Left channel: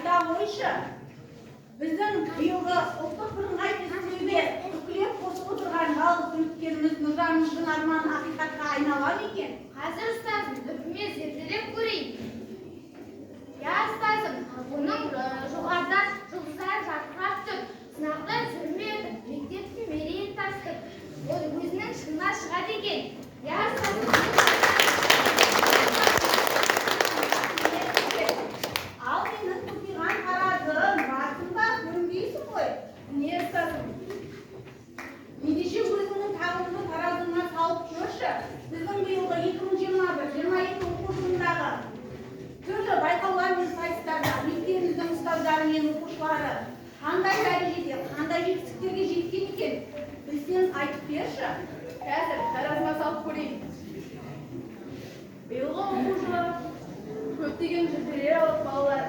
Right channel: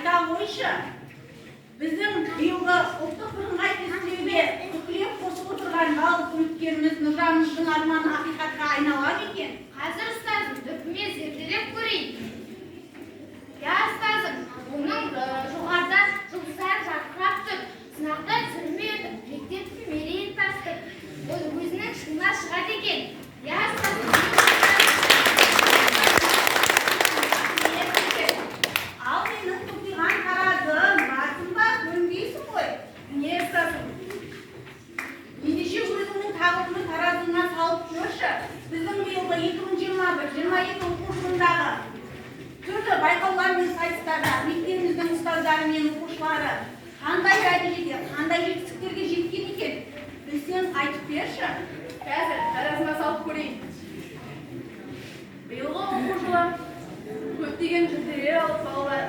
айта қойшы. Біздің биылғы ұлттық бірыңғай тестілеуге үкілеп қосып отырған жалғыз үміткеріміз Нұржанымыздың арманы ақиқатқа айнала ма екен? Қазір ұстазым, үкімет зерделеп көрейін. Я ұстазым, оның жоғарыда жұлдыздар жарқырап тұр, сынақта сүрме өтіп, мектептің мерейін тастып, ол өзінің шыңына шығады екен. Я ұстазым, ал менің тұтиған таразым, басым ба, көрінбейсің ғой. Не ұстазым? Ендеше өзіңнің тағдырыңды таразыңа салып көрші. Біздің биылғы 2021-22 оқу жылындағы түрлі байқаулар мен сайыстарда мектебіміздің ұстаздары мен оқушылары қандай дәрежеде, қандай жетістіктерге жеткен екен? Білсең айтып берші. Қазір таразыма салып көрейін. Биылғы оқу жылы көптеген жүлделер алып балалар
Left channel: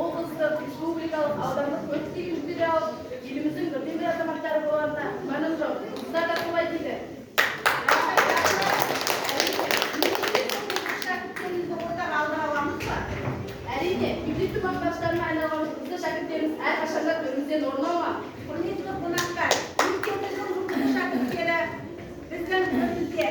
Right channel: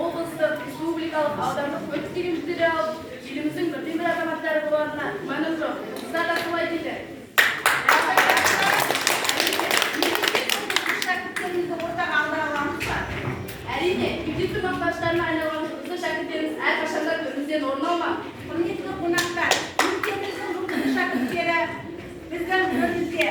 облыстық, республикалық, аудандық көптеген жүлделер алып, еліміздің бірден бір азаматтары болғанына күмәнім жоқ. Сіздер де солай дейді. Шәкірттерімізді ортаға алдыра аламыз ба? Әрине, мектептің мақтаныштарына айналған жұлдызды шәкірттеріміз әрқашанда төрімізден орын алмақ. Құрметті қонақтар, мектебіміздің жұлдызды шәкірттері біздің төрімізде